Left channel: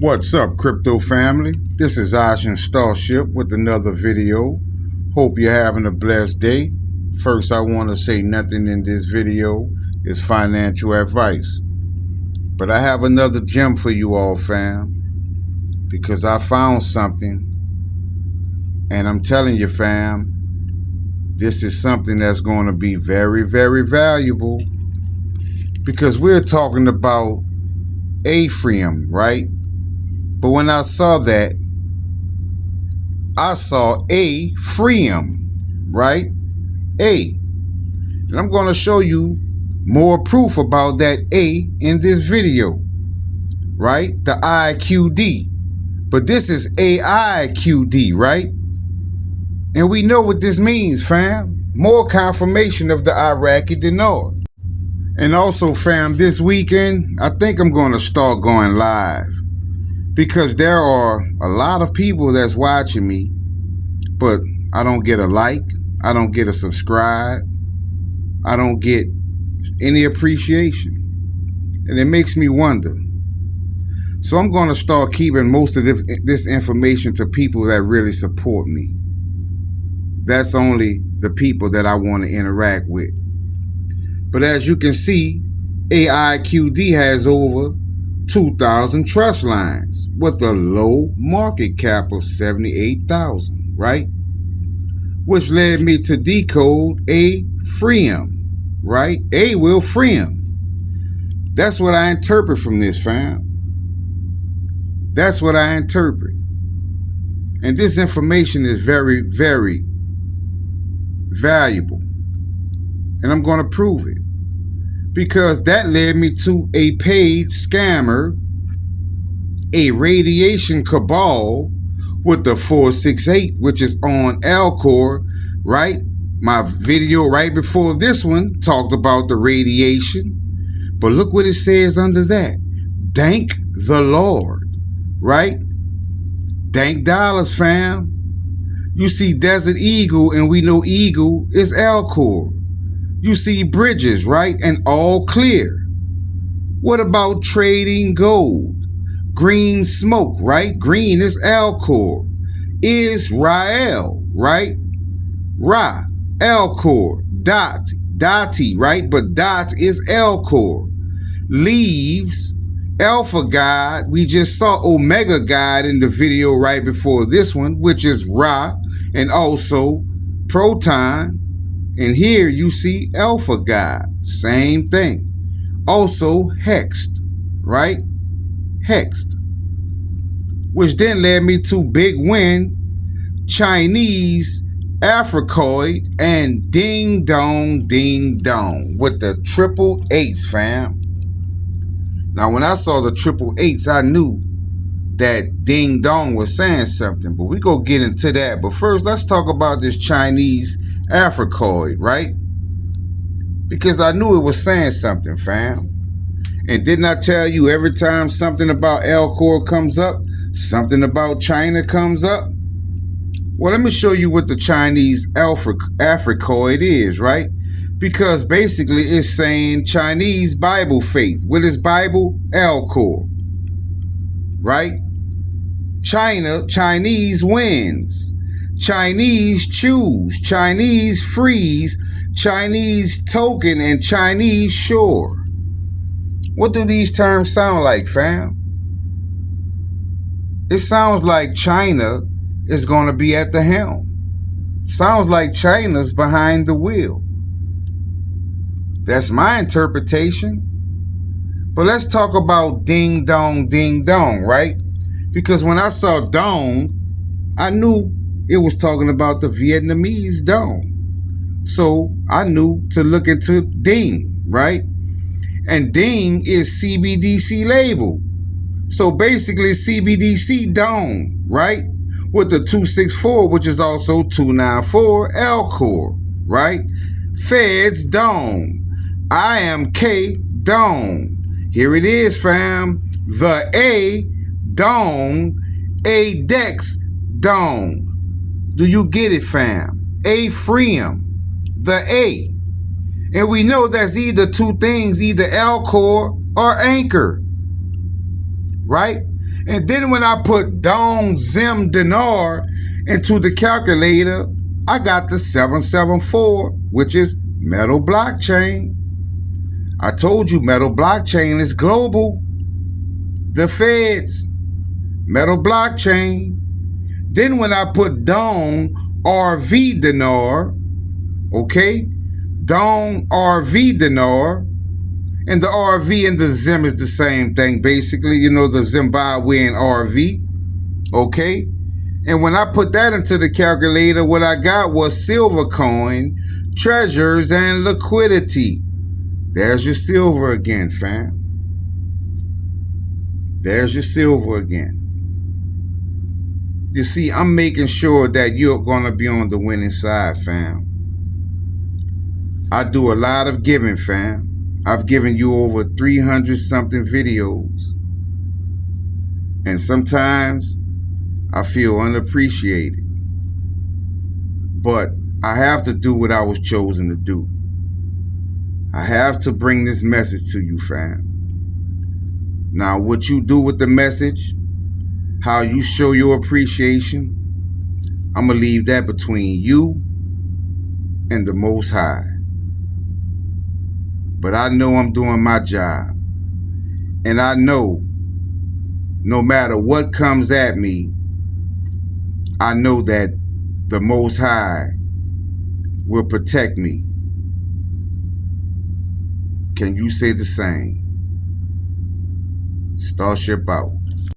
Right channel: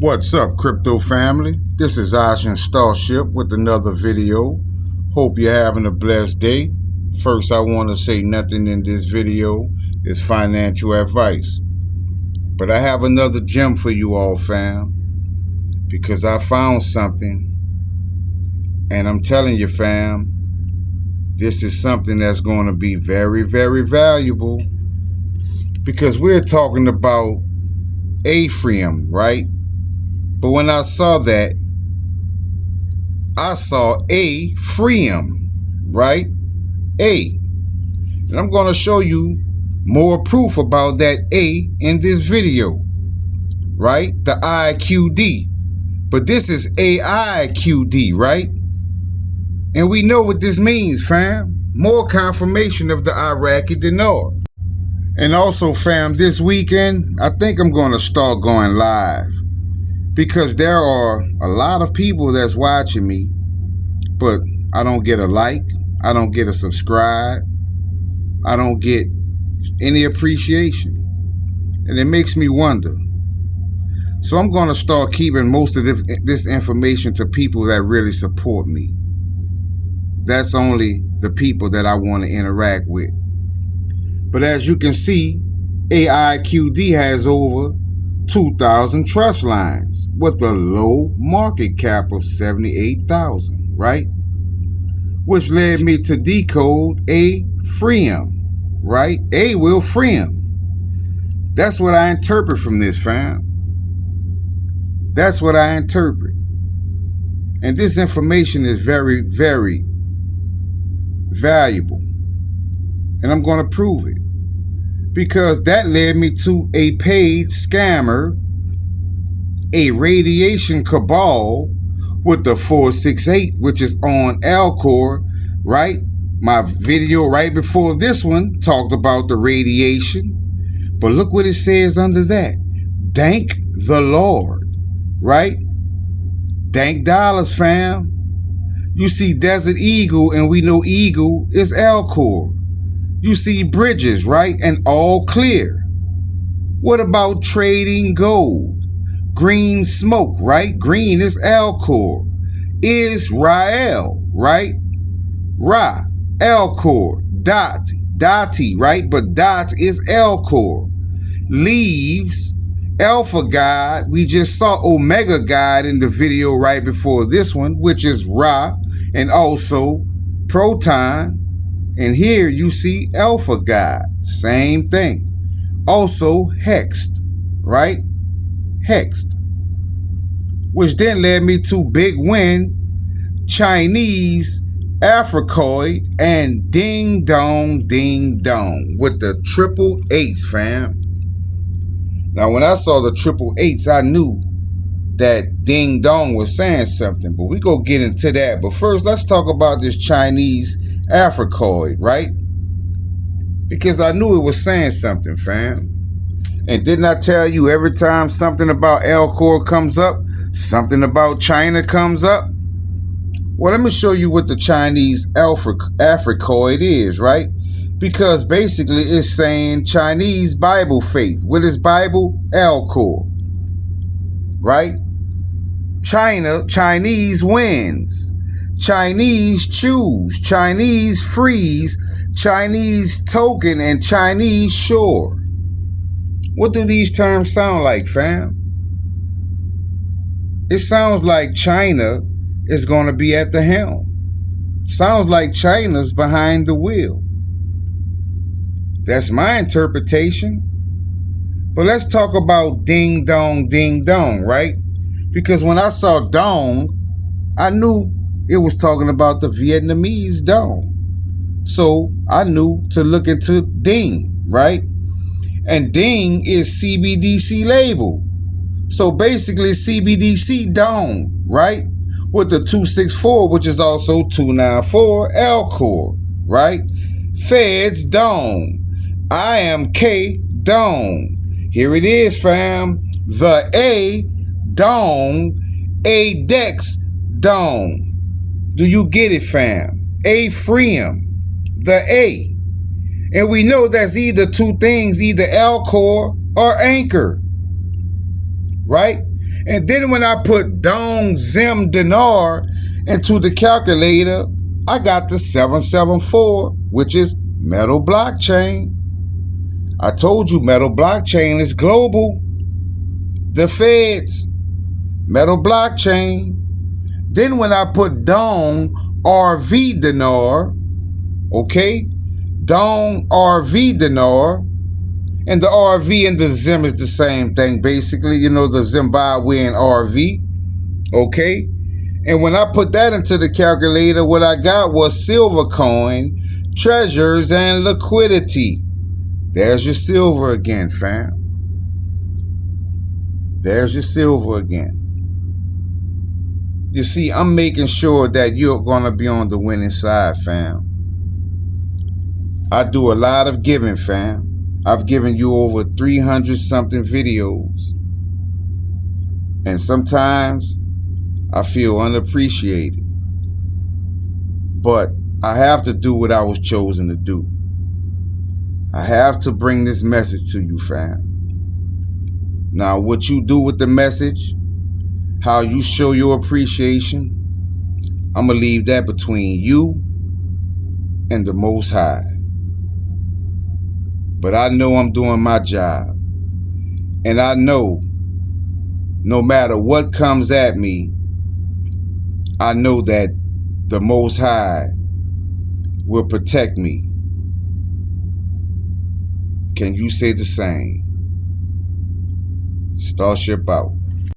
What's up, crypto family? This is Ocean Starship with another video. Hope you're having a blessed day. First, I want to say nothing in this video is financial advice. But I have another gem for you all, fam. Because I found something. And I'm telling you, fam, this is something that's going to be very, very valuable. Because we're talking about Ethereum, right? But when I saw that, I saw Ethereum, right? And I'm going to show you more proof about that A in this video, right? The IQD. But this is AIQD, right? And we know what this means, fam. More confirmation of the Iraqi dinar. And also, fam, this weekend, I think I'm going to start going live. Because there are a lot of people that's watching me, but I don't get a like, I don't get a subscribe, I don't get any appreciation. And it makes me wonder. So I'm going to start keeping most of this information to people that really support me. That's only the people that I want to interact with. But as you can see, AIQD has over 2,000 trust lines with a low market cap of 78,000, right? Which led me to decode Ethereum, right? A will freedom. That's what I interpret from this, fam. That's what I interpret. And this information is very, very valuable. And I'm going to prove it. Because that led me to a paid scammer, a radiation cabal with the 468, which is on Alcor, right? My video right before this one talked about the radiation. But look what it says under that. Thank the Lord, right? Thank dollars, fam. You see Desert Eagle, and we know Eagle is Alcor. You see bridges, right? And all clear. What about trading gold? Green smoke, right? Green is Alcor. Israel, right? Ra, Alcor. Dati, right? But Dot is Alcor. Leaves, Alpha God. We just saw Omega God in the video right before this one, which is Ra, and also Proton. And here you see Alpha God, same thing. Also Hexed, right? Hexed. Which then led me to Big Win, Chinese, Africoid, and Ding Dong, with the triple eights, fam. Now, when I saw the triple eights, I knew that Ding Dong was saying something, but we go get into that. But first, let's talk about this Chinese Africoid, right? Because I knew it was saying something, fam. And didn't I tell you every time something about Alcor comes up, something about China comes up? Well, let me show you what the Chinese Africoid is, right? Because basically it's saying Chinese Bible faith. What is Bible? Alcor, right? Chinese wins. Chinese choose, Chinese freeze, Chinese token, and Chinese shore. What do these terms sound like, fam? It sounds like China is going to be at the helm. Sounds like China's behind the wheel. That's my interpretation. But let's talk about ding dong, right? Because when I saw dong, I knew it was talking about the Vietnamese dong. So I knew to look into ding, right? And ding is CBDC label. So basically CBDC dong, right? With the 264, which is also 294 Alcor, right? Feds dong. IMK dong. Here it is, fam. The A dong. ADEX dong. Do you get it, fam? Ethereum, the A. And we know that's either two things, either Alcor or Anchor. right? And then when I put Dong Zim Dinar into the calculator, I got the 774, which is Metal Blockchain. I told you Metal Blockchain is global. The feds, Metal Blockchain. Then when I put Dong RV Dinar, okay, Dong RV Dinar, and the RV and the Zim is the same thing, basically, you know, the Zimbabwean RV, okay? And when I put that into the calculator, what I got was silver coin, treasures, and liquidity. There's your silver again, fam. There's your silver again. You see, I'm making sure that you're going to be on the winning side, fam. I do a lot of giving, fam. I've given you over 300 something videos. And sometimes I feel unappreciated. But I have to do what I was chosen to do. I have to bring this message to you, fam. Now, what you do with the message, how you show your appreciation, I'm going to leave that between you and the Most High. But I know I'm doing my job. And I know no matter what comes at me, I know that the Most High will protect me. Can you say the same? Starship out.